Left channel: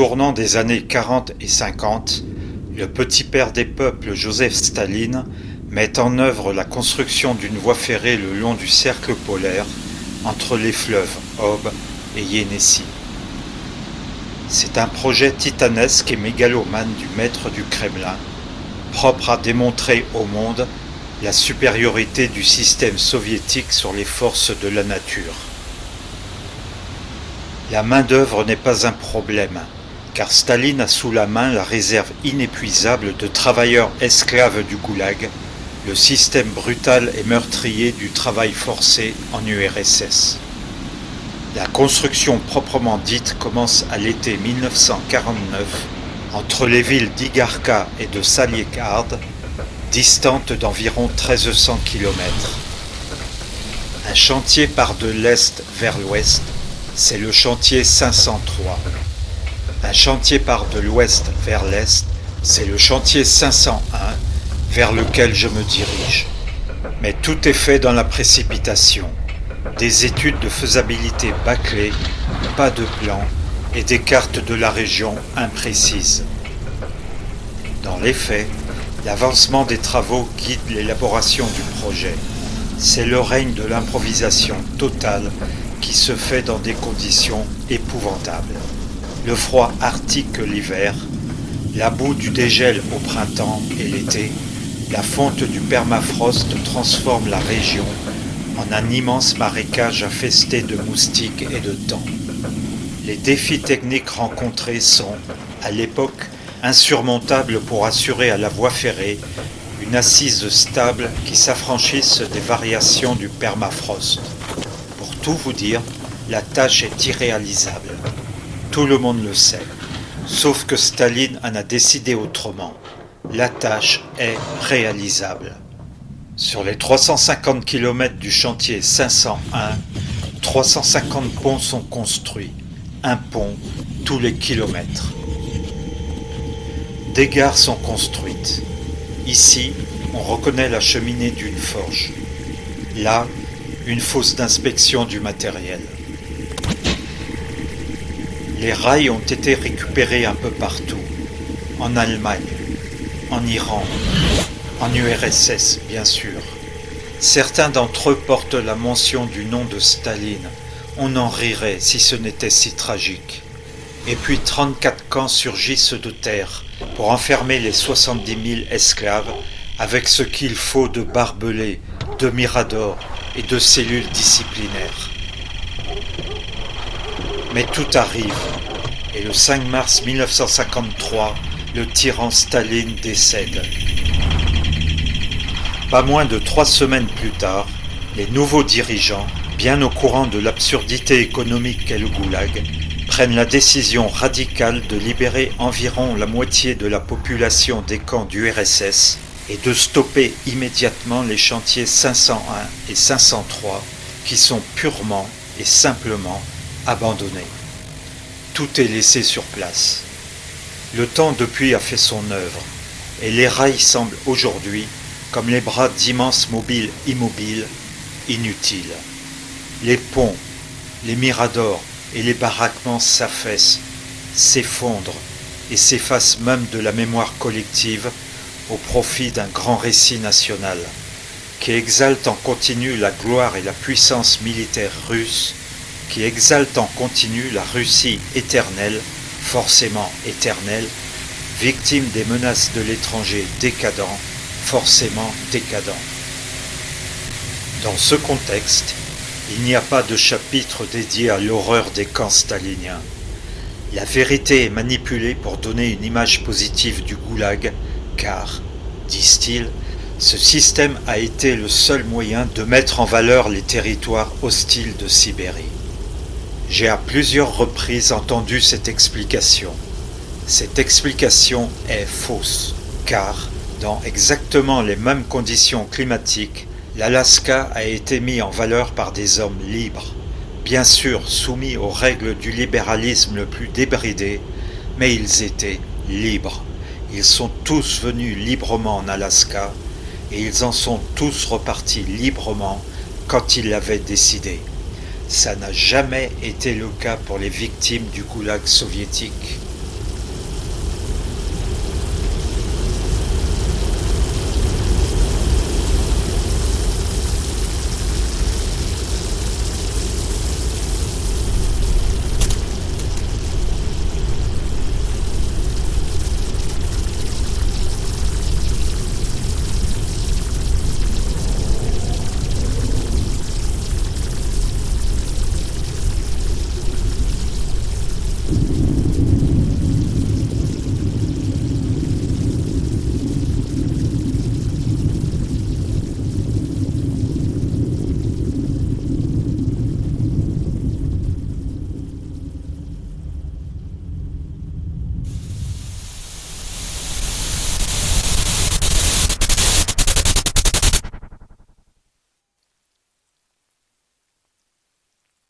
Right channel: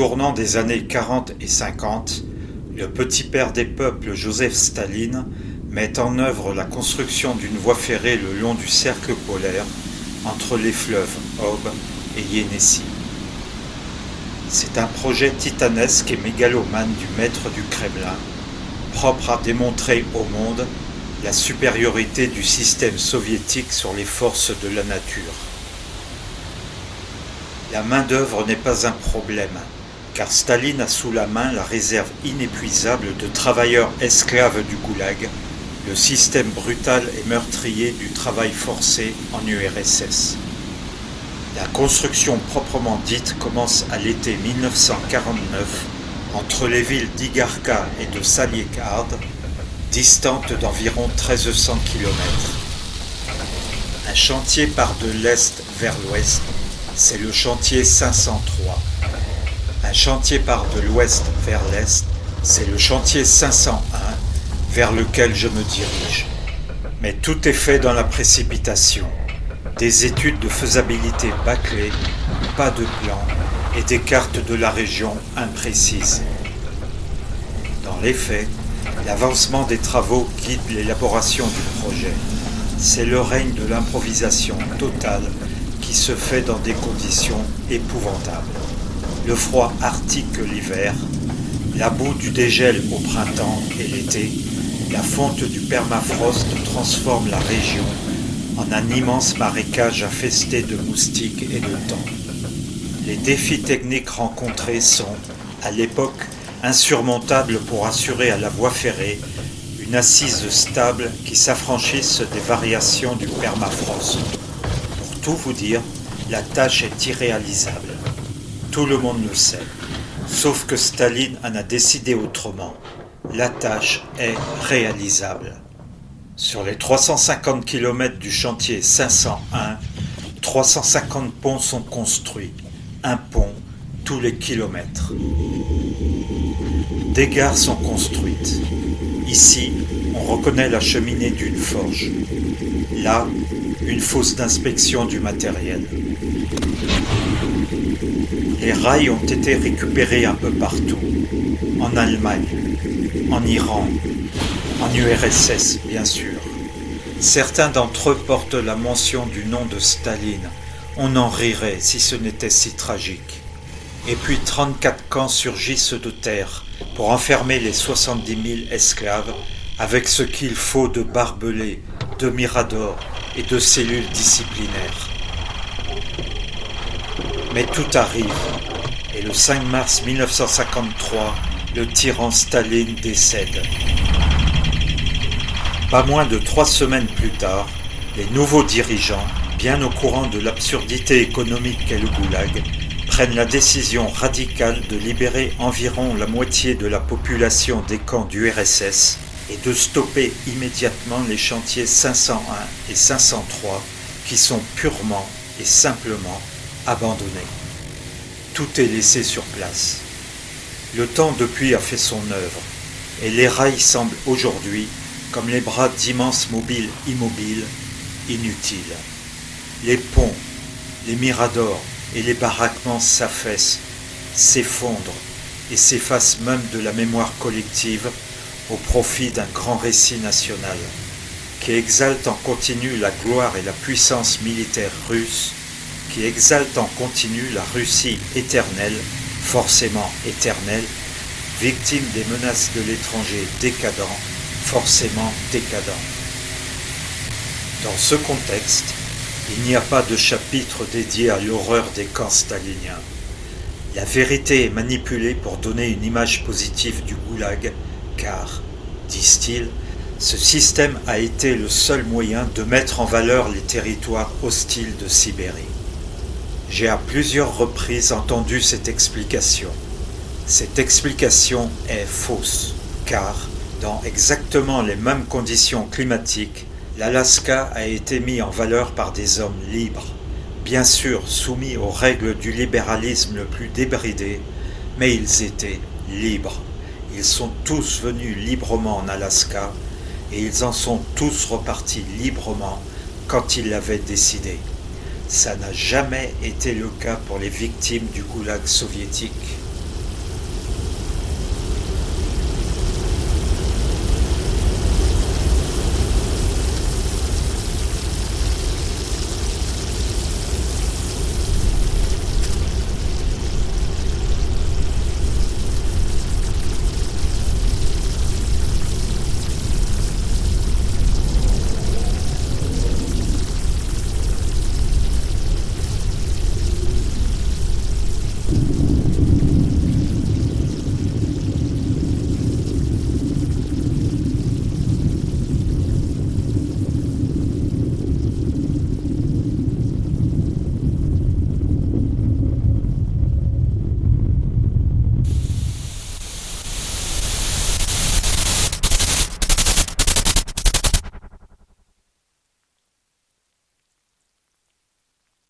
tournant des années 40 et 50, le petit père des peuples Joseph Staline met en œuvre la construction d'une voie ferrée le long du cercle polaire entre les fleuves Ob et Iénissi. C'est un projet titanesque et mégalomane du maître du Kremlin, propre à démontrer au monde la supériorité du système soviétique sur les forces de la nature. La main-d'œuvre n'est pas un problème, car Staline a sous la main la réserve inépuisable de travailleurs esclaves du goulag, le système brutal et meurtrier du travail forcé en URSS. La construction proprement dite commence à l'été 1949 entre les villes d'Igarka et de Saliekard, distantes d'environ 1300 km. Un chantier part de l'est vers l'ouest, c'est le chantier 503. Un chantier part de l'ouest vers l'est, c'est le chantier 501 vers lequel je me dirige. Mais tout est fait dans la précipitation. Des études de faisabilité bâclées, pas de plan et des cartes de la région imprécises. Dans les faits, l'avancement des travaux guide l'élaboration du projet. C'est le règne de l'improvisation totale qui se fait dans des conditions épouvantables. Le froid arctique l'hiver, la boue du dégel au printemps et l'été, la fonte du permafrost transforme la région en un immense marécage infesté de moustiques et de tampes. Les défis techniques rencontrés sont, à l'époque, insurmontables pour assurer à la voie ferrée une assise stable qui s'affranchisse des variations du permafrost. Pour tout vous dire, la tâche est irréalisable. Tout le monde le sait, sauf que Staline en a décidé autrement. La tâche est réalisable. Sur les 350 km du chantier 501, 350 ponts sont construits, un pont tous les kilomètres. Des gares sont construites. Ici, on reconnaît la cheminée d'une forge. Là, une fosse d'inspection du matériel. Les rails ont été récupérés un peu partout. En Allemagne, en Iran, en URSS, bien sûr. Certains d'entre eux portent la mention du nom de Staline. On en rirait si ce n'était si tragique. Et puis 34 camps surgissent de terre pour enfermer les 70 000 esclaves avec ce qu'il faut de barbelés, de miradors et de cellules disciplinaires. Mais tout arrive, et le 5 mars 1953, le tyran Staline décède. Pas moins de 3 semaines plus tard, les nouveaux dirigeants, bien au courant de l'absurdité économique qu'est le goulag, prennent la décision radicale de libérer environ la moitié de la population des camps du RSS et de stopper immédiatement les chantiers 501 et 503 qui sont purement et simplement abandonnés. Tout est laissé sur place. Le temps depuis a fait son œuvre, et les rails semblent aujourd'hui comme les bras d'immenses mobiles immobiles, inutiles. Les ponts, les miradors et les baraquements s'affaissent, s'effondrent et s'effacent même de la mémoire collective au profit d'un grand récit national qui exalte en continu la gloire et la puissance militaire russe, qui exalte en continu la Russie éternelle, forcément éternelle, victime des menaces de l'étranger décadent, forcément décadent. Dans ce contexte, il n'y a pas de chapitre dédié à l'horreur des camps staliniens. La vérité est manipulée pour donner une image positive du goulag, car, disent-ils, ce système a été le seul moyen de mettre en valeur les territoires hostiles de Sibérie. J'ai à plusieurs reprises entendu cette explication. Cette explication est fausse, car, dans exactement les mêmes conditions climatiques, l'Alaska a été mis en valeur par des hommes libres, bien sûr soumis aux règles du libéralisme le plus débridé, mais ils étaient libres. Ils sont tous venus librement en Alaska, et ils en sont tous repartis librement quand ils l'avaient décidé. Ça n'a jamais été le cas pour les victimes du goulag soviétique.